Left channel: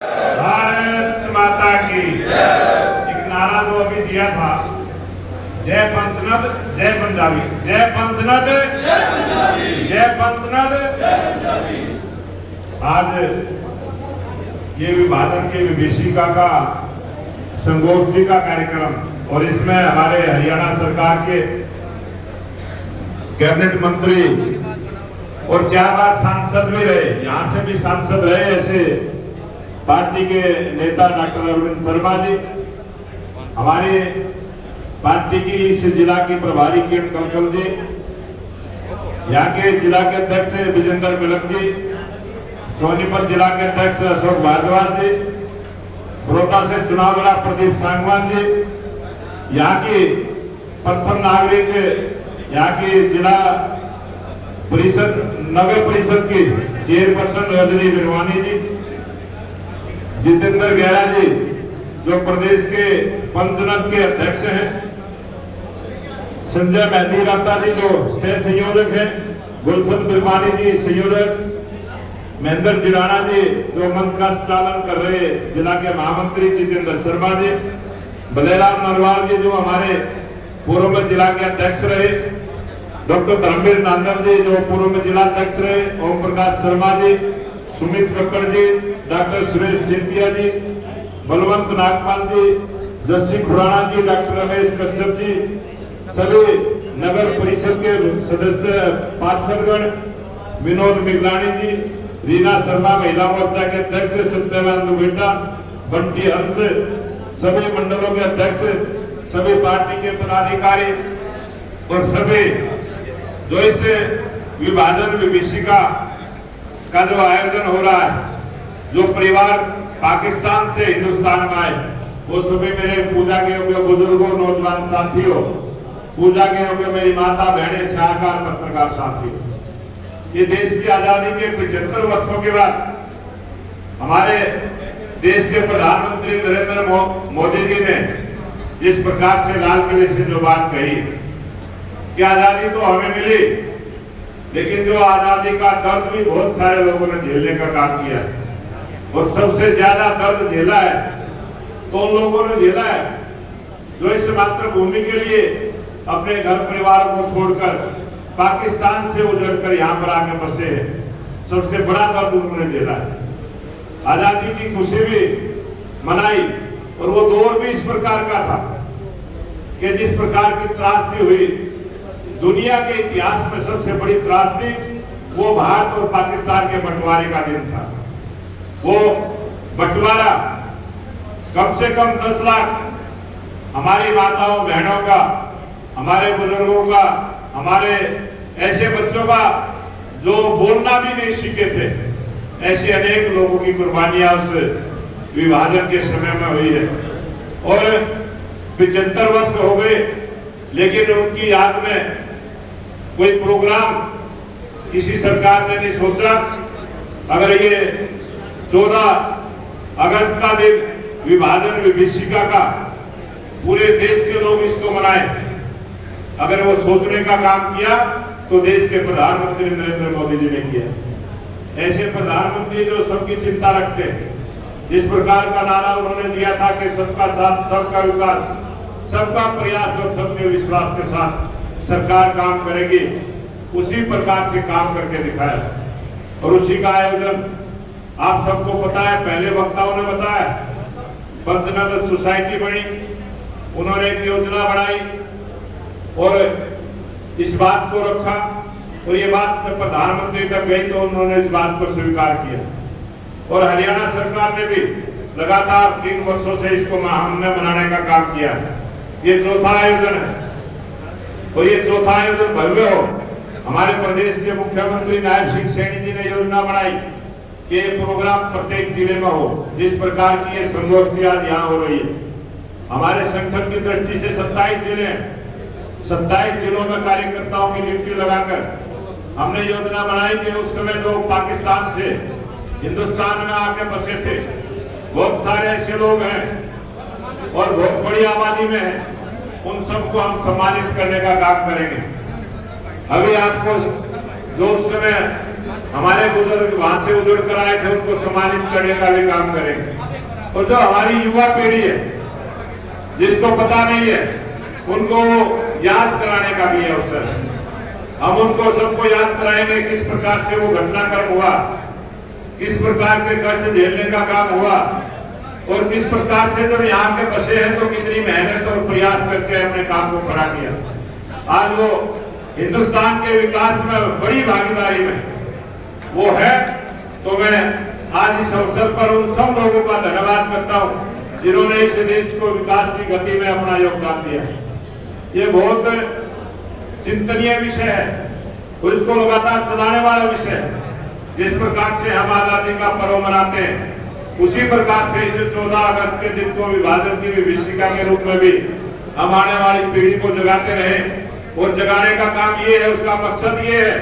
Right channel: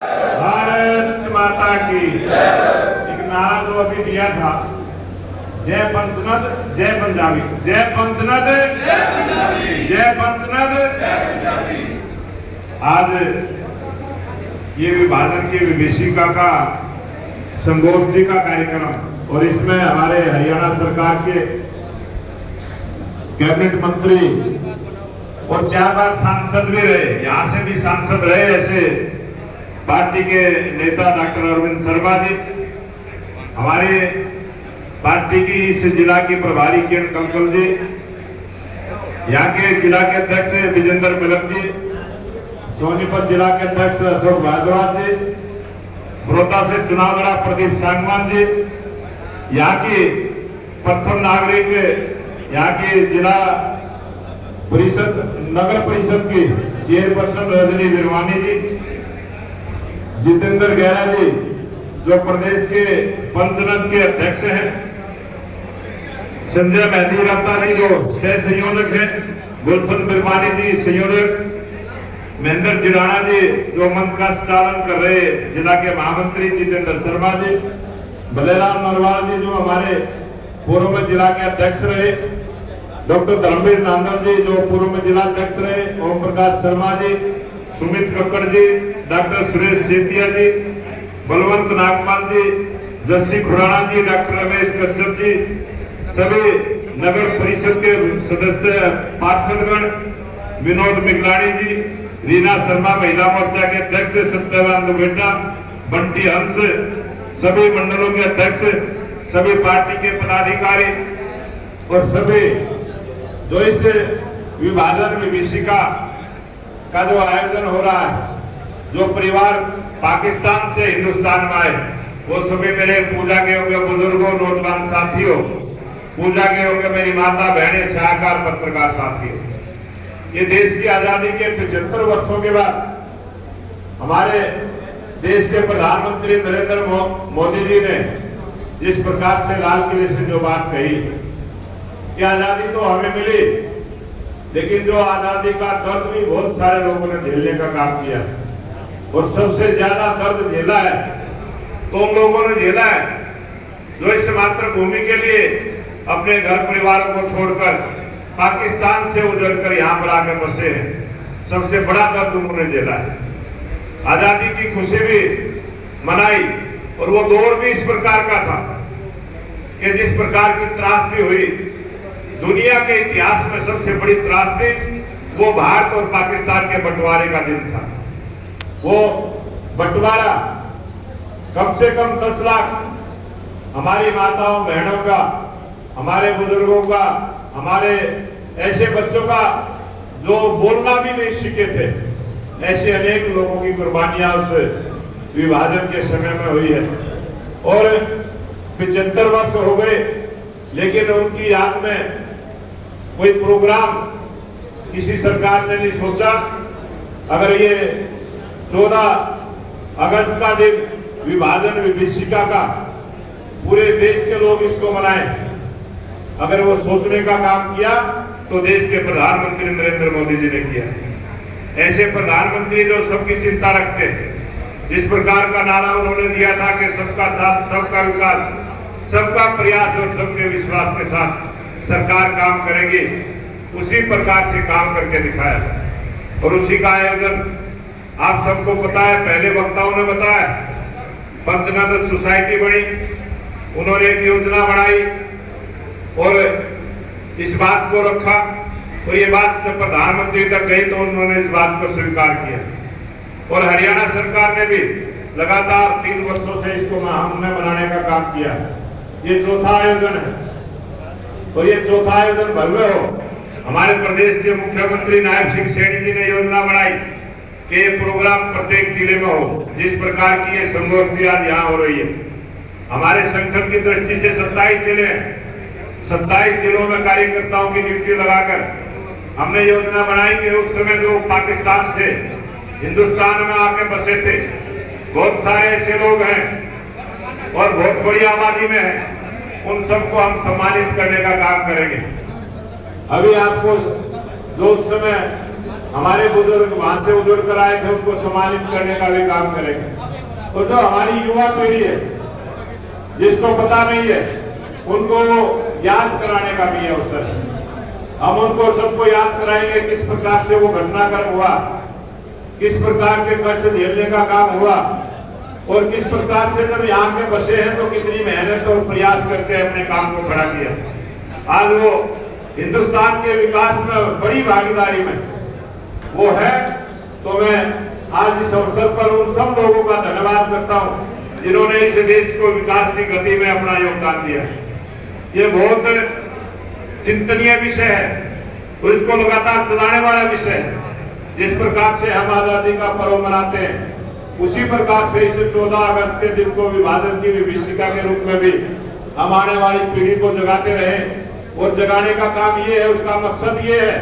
भारत माता की एक नारा जो अभी दिया था, जय पंचनद जय पंजाबी, जय पंचनद जय पंचनद। आज ये विभाजन की विभीषिका का संगोष्ठी का कार्यक्रम, और इसमें हमारे हरियाणा सरकार के कैबिनेट मंत्री और 4 बार सांसद भी रहे, यहाँ से भी सांसद रहे ऐसे पार्टी के नेता डॉक्टर अरविंद शर्मा जी, हमारे पार्टी की इस जिला की प्रभारी किरण कलकल जी, यहाँ के जिला के अध्यक्ष विजेंद्र मिलक जी, सोनीपत जिला के अध्यक्ष अशोक भारद्वाज जी, बड़ौदा से चुनाव लड़ा प्रदीप सांगवान जी, यहाँ की प्रथम नागरिक, यहाँ की जिला परिषद नगर परिषद की चेयरपर्सन रजनी बिरवानी जी, जितेंद्र गहरा जी जो प्रदेश के पंचनद के अध्यक्ष हैं, संजय मेहंदी रफ्ता जी जो सह संयोजक हैं, गुलशन बिरवानी जी संयोजक, महेंद्र जिराना जी जो मंच का संचालन कर रहे जिला के महामंत्री जितेंद्र शर्मा जी, बलेराम नरवाल जी जो हमारे पूर्व में जिला के अध्यक्ष रहे, डॉक्टर धर्मवीर नांदल जी जो पूर्व में जिला अध्यक्ष रहे, ओम प्रकाश शर्मा जी, सुमित कक्कड़ जी, डॉक्टर सुरेश सेतिया जी, बलवंत नागपाल जी, जस्सी खुराना जी, डॉक्टर रमेश कश्यप जी, सभी नगर परिषद के सदस्य पार्षदगण, विनोद मिगलानी जी, रीना शर्मा महिला मोर्चा के अध्यक्ष, सत्यवान दुबेटा, बंटी हंस, सभी मंडलों के अध्यक्ष, सभी पार्टी के पदाधिकारी और सभी जो इस विभाजन विभीषिका का जो आयोजन हो रहा है, जो परिवार पाकिस्तान से हिंदुस्तान में आए, वो सभी मेरे पूजा के योग्य बुजुर्गों, नौजवान साथियों, पूजा के योग्य मेरी माता बहनें, छायाकार पत्रकार साथियों, ये देश की आजादी के 75 वर्षों के बाद हमारे देश के प्रधानमंत्री नरेंद्र मोदी जी ने जिस प्रकार से लाल किले से जो बात कही कि आजादी तो हमें मिली, लेकिन जो आजादी का दर्द भी बहुत सारे लोगों ने झेलने का काम किया, और सबसे ज्यादा दर्द झेला है तो उन लोगों ने झेला है जो इस मातृभूमि के लिए अपने घर परिवार को छोड़कर पाकिस्तान से उजड़कर यहाँ पर आकर बसे हैं। सबसे बड़ा दर्द उन्होंने झेला है। आजादी की खुशी भी मनाई, और वो दौर भी इस प्रकार का था कि जिस प्रकार की त्रासदी हुई, दुनिया के इतिहास में सबसे बड़ी त्रासदी वो भारत और पाकिस्तान के बंटवारे का दिन था। वो बंटवारा कम से कम 10 लाख हमारी माताओं बहनों का, हमारे बुजुर्गों का, हमारे ऐसे बच्चों का जो बोलना भी नहीं सीखे थे, ऐसे अनेक लोगों की कुर्बानियां उस विभाजन के समय में हुई है। और 75 वर्ष हो गए, लेकिन उनकी याद में कोई प्रोग्राम किसी सरकार ने नहीं सोचा। अगर ये 14 अगस्त का दिन विभाजन विभीषिका का पूरे देश के लोग इसको मनाए, अगर वो सोचने का काम किया तो देश के प्रधानमंत्री नरेंद्र मोदी जी ने किया। ऐसे प्रधानमंत्री जो सबकी चिंता रखते हैं, जिस प्रकार का नारा उन्होंने दिया था कि सबका साथ, सबका विकास, सबका प्रयास और सबके विश्वास के साथ सरकार काम करेगी, उसी प्रकार से काम करके दिखाया। और उसी का आयोजन आप सबको पता है, पहले वक्ताओं ने बताया, पंचनद सोसाइटी बनी, उन्होंने एक योजना बनाई और इस बात को रखा, और ये बात प्रधानमंत्री तक गई तो उन्होंने इस बात को स्वीकार किया। और हरियाणा सरकार ने भी लगातार 3 वर्षों से इसको हमने मनाने का काम किया। ये चौथा आयोजन है, और ये चौथा आयोजन भव्य हो। हमारे प्रदेश के मुख्यमंत्री नायब सिंह सैनी जी ने योजना बनाई कि ये प्रोग्राम प्रत्येक जिले में हो, जिस प्रकार की ये संगोष्ठी आज यहाँ हो रही है। हमारे संगठन की दृष्टि से 27 जिले हैं, 27 जिलों में कार्यकर्ताओं की ड्यूटी लगाकर हमने योजना बनाई कि उस समय जो पाकिस्तान से हिंदुस्तान में आके बसे थे, बहुत सारे ऐसे लोग हैं और बहुत बड़ी आबादी में है, उन सबको हम सम्मानित करने का काम करेंगे। अभी आपको जो उस समय हमारे बुजुर्ग वहां से उजड़ कर आए थे, उनको सम्मानित करने का भी काम करेंगे। तो जो हमारी युवा पीढ़ी है, जिसको पता नहीं है, उनको याद कराने का भी अवसर है। हम उनको सबको याद कराएंगे किस प्रकार से वो घटनाक्रम हुआ, किस प्रकार के कष्ट झेलने का काम हुआ, और किस प्रकार से जब यहाँ पे बसे हैं तो कितनी मेहनत और प्रयास करके अपने काम को खड़ा किया। आज वो हिंदुस्तान के विकास में बड़ी भागीदारी में वो है। तो मैं आज इस अवसर पर उन सब लोगों का धन्यवाद करता हूँ जिन्होंने इस देश को विकास की गति में अपना योगदान दिया। ये बहुत चिंतनीय विषय है और इसको लगातार चलाने वाला विषय है। जिस प्रकार से हम आजादी का पर्व मनाते हैं, उसी प्रकार से इस 14 अगस्त के दिन को विभाजन की विभीषिका के रूप में भी हम आने वाली पीढ़ी को जगाते रहे। और जगाने का काम ये है, उसका मकसद ये है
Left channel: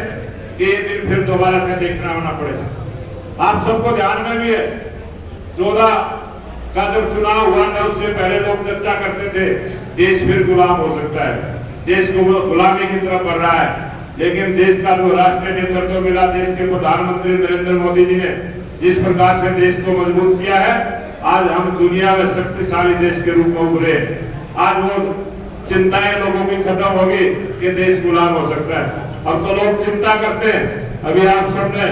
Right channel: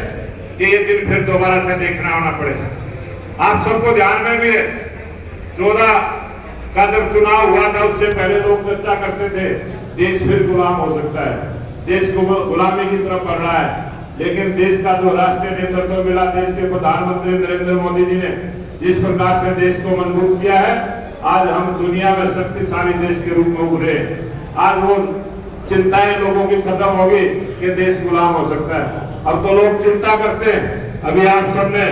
कि ये दिन फिर दोबारा से देखना आना पड़े। आप सबको ध्यान में भी है, 14 का जब चुनाव हुआ था उससे पहले लोग चर्चा करते थे देश फिर गुलाम हो सकता है, देश को गुलामी की तरफ बढ़ रहा है। लेकिन देश का जो राष्ट्रीय नेतृत्व मिला, देश के प्रधानमंत्री नरेंद्र मोदी जी ने जिस प्रकार से देश को मजबूत किया है, आज हम दुनिया में शक्तिशाली देश के रूप में उभरे। आज वो चिंताएं लोगों की खत्म होगी कि देश गुलाम हो सकता है। अब तो लोग चिंता करते हैं। अभी आप सबने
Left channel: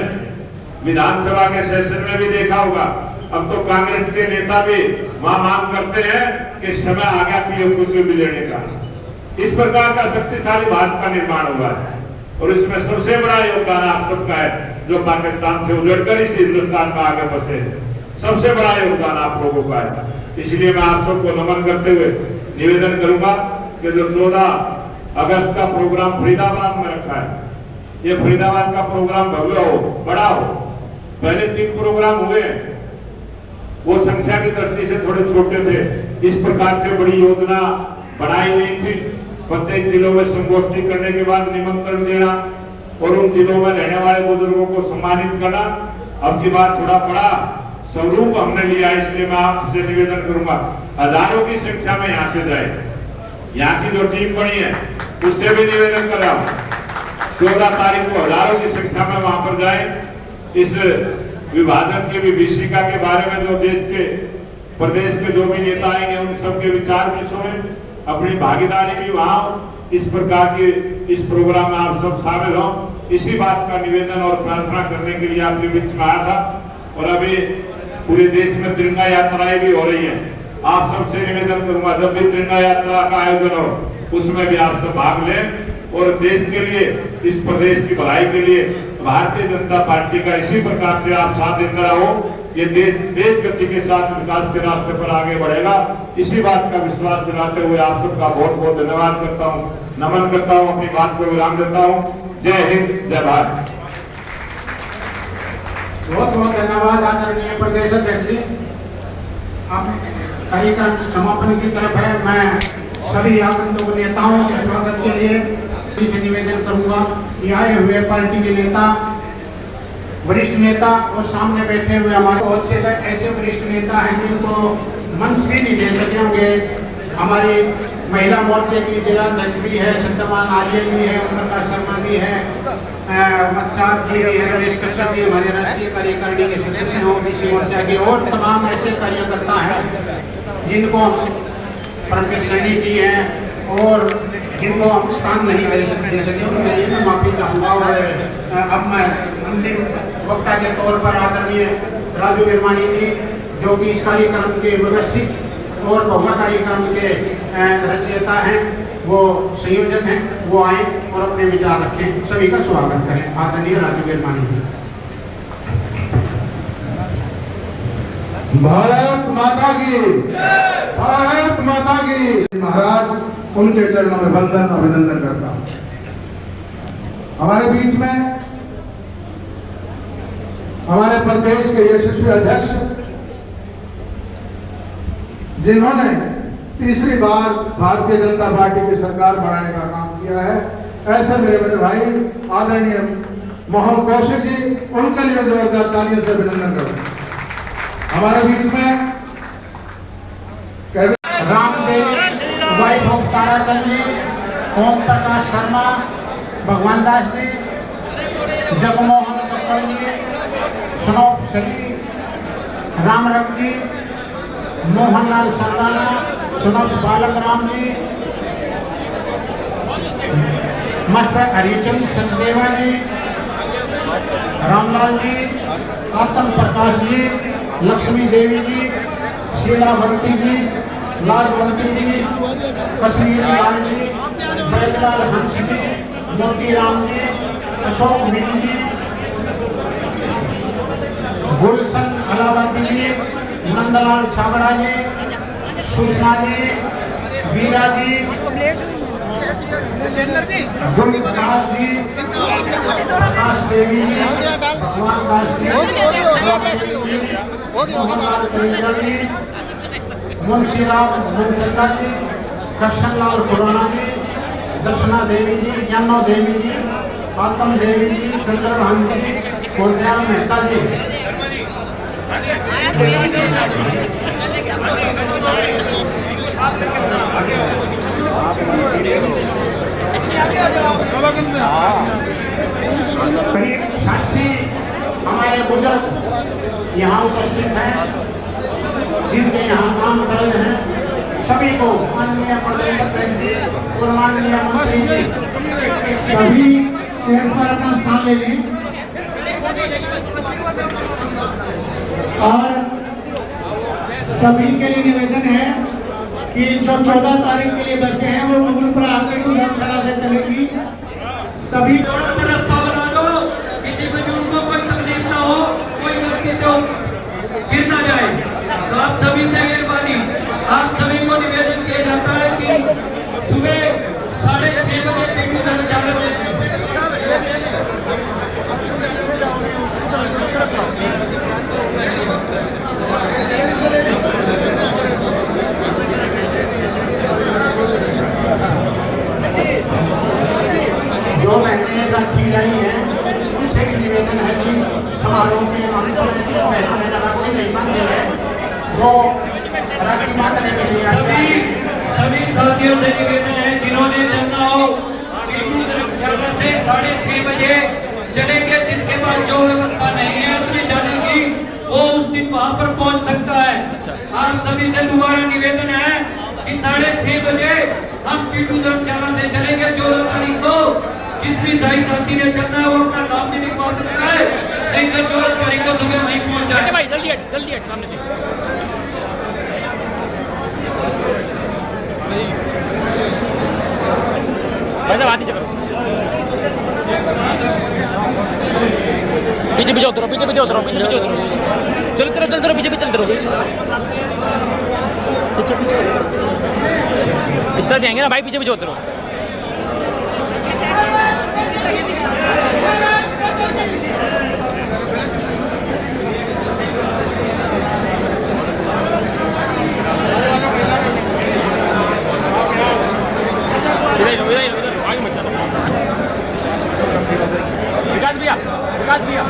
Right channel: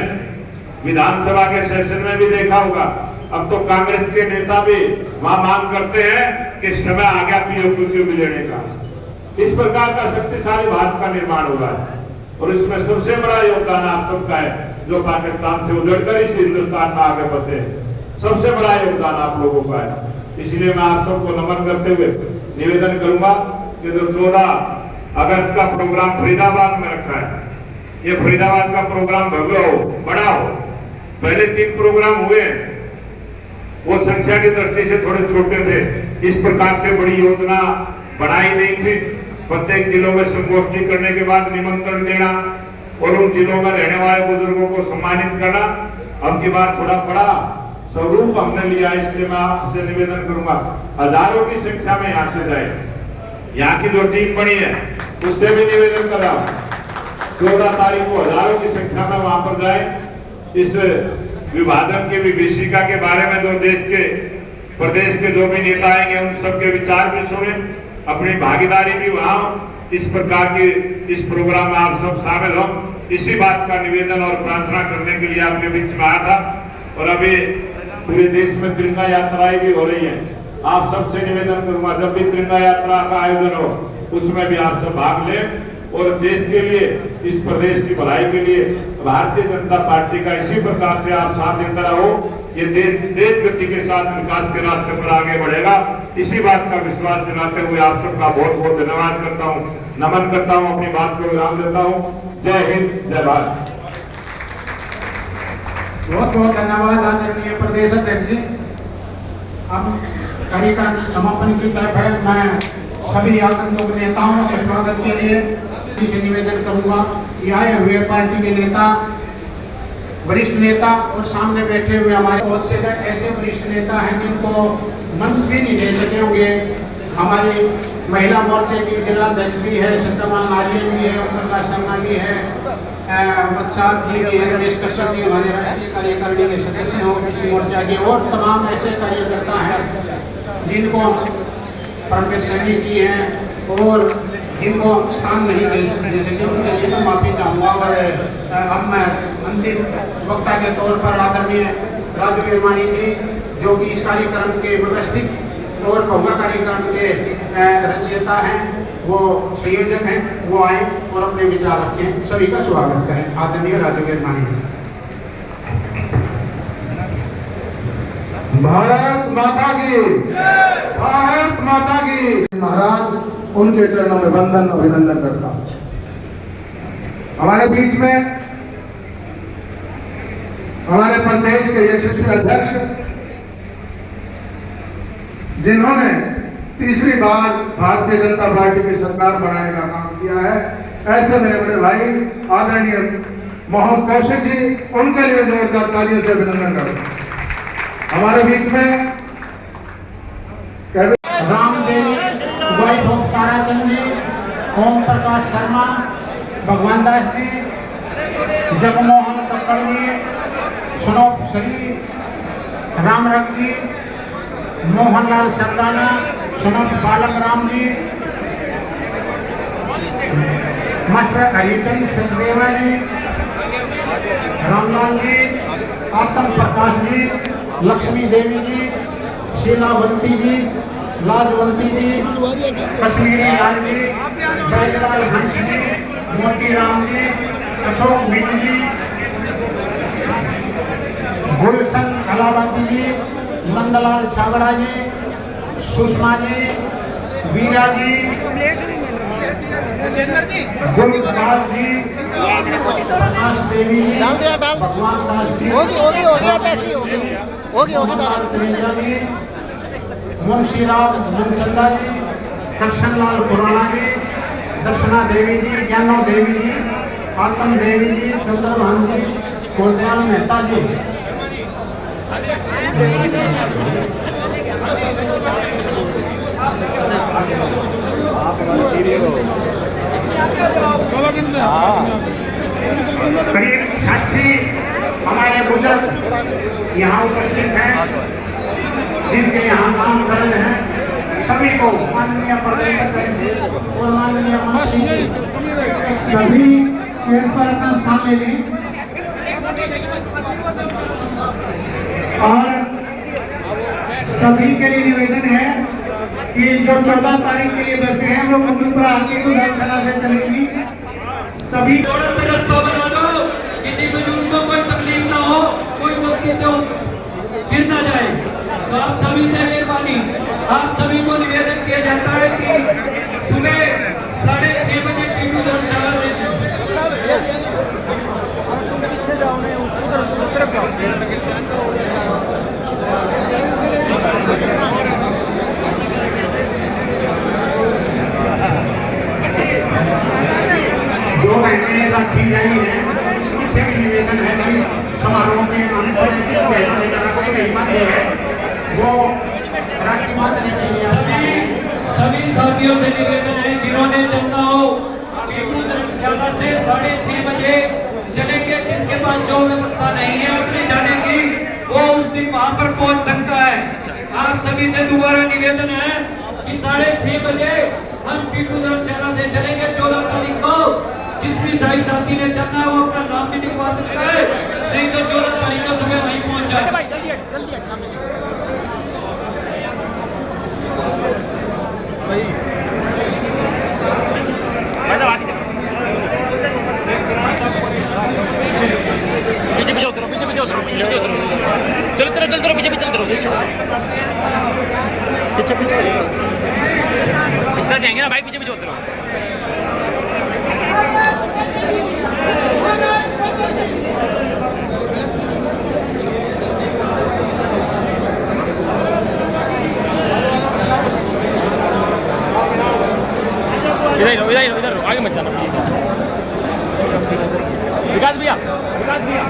विधानसभा के सेशन में भी देखा होगा, अब तो कांग्रेस के नेता भी वहां मांग करते हैं कि समय आ गया पीओक्यू के विलय का। इस प्रकार का शक्तिशाली भारत का निर्माण हुआ है और इसमें सबसे बड़ा योगदान आप सबका है जो पाकिस्तान से उजड़कर इस हिंदुस्तान में आगे बसे। सबसे बड़ा योगदान आप लोगों का है। इसलिए मैं आप सबको नमन करते हुए निवेदन करूंगा कि जो 14 अगस्त का प्रोग्राम फरीदाबाद में रखा है, ये फरीदाबाद का प्रोग्राम भव्य हो, बड़ा हो। पहले 3 प्रोग्राम हुए, वो संख्या की दृष्टि से थोड़े छोटे थे। इस प्रकार से बड़ी योजना बनाई नहीं थी। प्रत्येक जिलों में संगोष्ठी करने के बाद निमंत्रण देना और उन जिलों में रहने वाले बुजुर्गों को सम्मानित करना। अब की बार थोड़ा बड़ा स्वरूप हमने लिया, इसलिए मैं आपसे निवेदन करूंगा हजारों की संख्या में यहाँ से जाए। यहाँ की जो टीम बनी है उससे भी निवेदन कर रहा हूँ 14 तारीख को हजारों की संख्या में वहां पर जाए। इस विभाजन की विभीषिका के बारे में जो देश के प्रदेश के जो भी नेता आएंगे उन सबके विचार भी सुने, अपनी भागीदारी भी वहां। इस प्रकार के इस प्रोग्राम में आप सब शामिल हो, इसी बात का निवेदन और प्रार्थना करने के लिए आपके बीच में आया था। और अभी पूरे देश में तिरंगा यात्राएं भी हो रही है। आप सबसे निवेदन करूंगा जब भी तिरंगा यात्रा का आयोजन हो उसमें भी आप सब भाग लें और देश के लिए, इस प्रदेश की भलाई के लिए भारतीय जनता पार्टी का इसी प्रकार से आप साथ देते रहो। ये देश तेज गति के साथ विकास के रास्ते पर आगे बढ़ेगा। इसी बात का विश्वास दिलाते हुए आप सबका बहुत बहुत धन्यवाद करता हूँ, नमन करता हूँ, अपनी बात को विराम देता हूँ। जय हिंद, जय भारत। बहुत बहुत धन्यवाद आदरणीय प्रदेश अध्यक्ष जी। अब कार्यक्रम समापन की तरफ है। मैं सभी आगंतुक नेताओं के स्वागत के लिए निवेदन करूंगा कि आए हुए पार्टी के नेता, वरिष्ठ नेता और सामने बैठे हुए हमारे बहुत से ऐसे वरिष्ठ नेता हैं जिनको मंच भी नहीं दे सके होंगे। हमारी महिला मोर्चे की जिलाध्यक्ष भी है, सत्यवान आर्य भी है, प्रकाश शर्मा भी है, मत्साद जी भी है, नरेश कश्यप जी हमारे राष्ट्रीय कार्यकारिणी के सदस्य हैं ओबीसी मोर्चा के, और तमाम ऐसे कार्यकर्ता हैं जिनको परमवीर सैनी जी हैं और जिनको स्थान नहीं दे सके उनके लिए मैं माफी चाहूँगा। और अब मैं अंतिम वक्ता के तौर पर आदरणीय राजू वीरवानी जी जो कि इस कार्यक्रम के व्यवस्थित और बहुला कार्यक्रम के रचयिता हैं, वो संयोजक हैं, वो आए और अपने विचार रखें। सभी का स्वागत करें। आदरणीय राजू वीरवानी जी। भारत माता की, भारत माता की। महाराज उनके चरणों में वंदन अभिनंदन करता हूं। हमारे बीच में हमारे प्रदेश के यशस्वी अध्यक्ष जिन्होंने तीसरी बार भारतीय जनता पार्टी की सरकार बनाने का काम किया है, ऐसे मेरे बड़े भाई आदरणीय मोहन कौशिक जी, उनके लिए जोरदार तालियों से अभिनंदन करता हूं। हमारे बीच में रामदेव ताराचंद जी, ओम प्रकाश शर्मा, भगवान दास जी, जगमोहन कक्कड़ जी, सनोप श्री रामरंग जी, मोहनलाल सरदाना, सनोप बालक राम जी, मास्टर हरिचंद सचदेवा जी, रामलाल जी, आत्म प्रकाश जी, लक्ष्मी देवी जी, शीलावंती जी, लाजवंती जी, कश्मीरी लाल जी, ब्रजलाल हंस जी, मोतीराम जी, अशोक मिनी जी, गुलशन अलावती जी, नंदलाल छाबड़ा जी, सुषमा जी, वीरा जी, गुलराज जी, प्रकाश देवी जी, भगवान दास जी, जी, मुंशीराम मनचंदा जी, कृष्णलाल खुराना जी, दर्शना देवी जी, ज्ञानो देवी जी, आत्म देवी जी, चंद्रभान जी, कोलदयाल मेहता जी। करीब 86 हमारे बुजुर्ग यहाँ उपस्थित हैं, जिनके यहाँ काम कर रहे हैं। सभी को माननीय प्रदेश अध्यक्ष जी और माननीय मंत्री जी सभी शेष पर अपना स्थान ले लें और सभी के लिए निवेदन है कि जो 14 तारीख के लिए बसें हैं वो मुजफ्फरपुर आगे को धर्मशाला से चलेंगी। सभी रास्ता बना दो, किसी बुजुर्ग को कोई तकलीफ ना हो, कोई गलती से गिर ना जाए। तो आप सभी से मेहरबानी, आप सभी को निवेदन किया जाता है कि सुबह 6:30 बजे टीटू धर्मशाला से जो बहनें रखी गई हैं उनसे भी निवेदन है कि समारोह में वो राखी बांधने के लिए सभी साथियों से निवेदन है जिन्होंने चलना हो टीटू धर्मशाला से 6:30 बजे चलेंगे। जिसके पास जो व्यवस्था नहीं है अपनी जाने की वो उस दिन वहां पर पहुंच सकता है। आप सभी से दोबारा निवेदन है कि 6:30 बजे हम टीटू धर्मशाला से चलेंगे 14 तारीख को। जिस भी साई साथी ने चलना है वो अपना नाम भी लिखवा सकता है, नहीं तो 14 तारीख को सुबह वहीं पहुंच जाए। पीछे उतरो चलो पीछे उतरो पीछे इस तरह जाएंगे ना भाई, पीछे उतरो। इधर आगे मत चलो। विकास भैया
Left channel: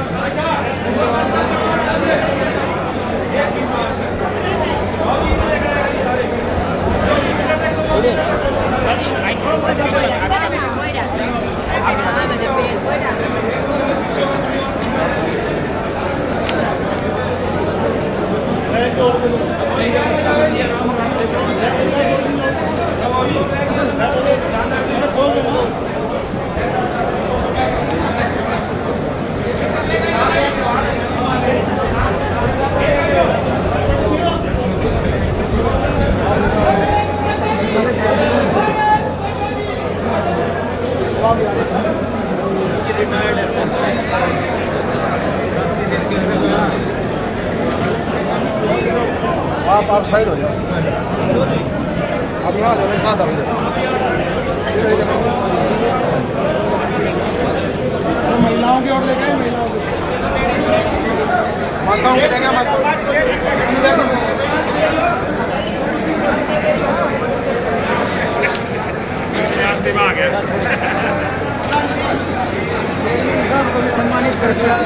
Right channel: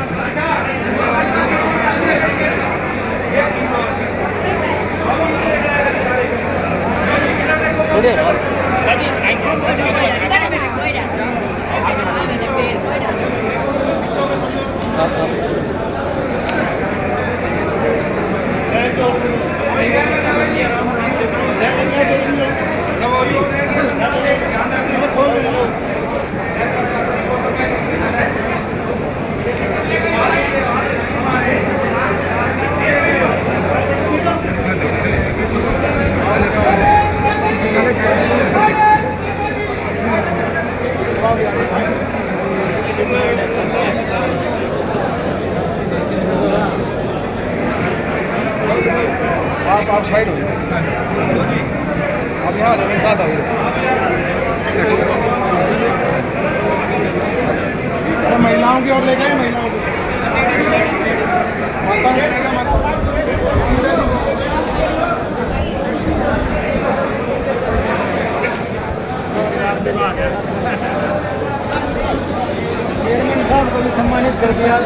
आप साइड हो जाओ, आप यहाँ मेरे साथ आओ इधर। महिलाओं की ओर लेके माताओं के लेके रास्ते में आ गया। सम्मानित कर दिया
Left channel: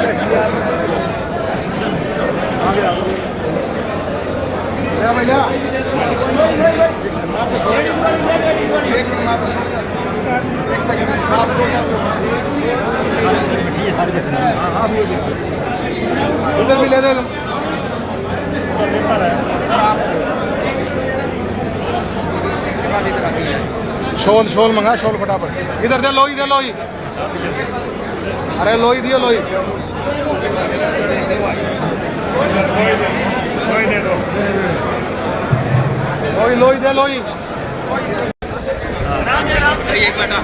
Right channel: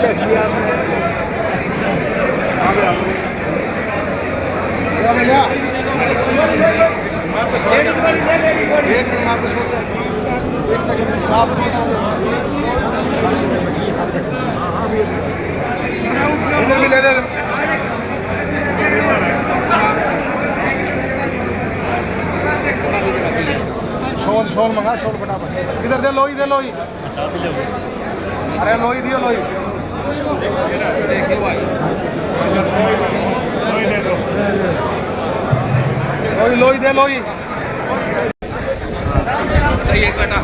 भैया एक सेकंड आप उधर भी ले ले शोल शोल मंगा शोल फटाफट इधर दे लोई अरे लोई दियो लोई लोई दे लोई एक बेटा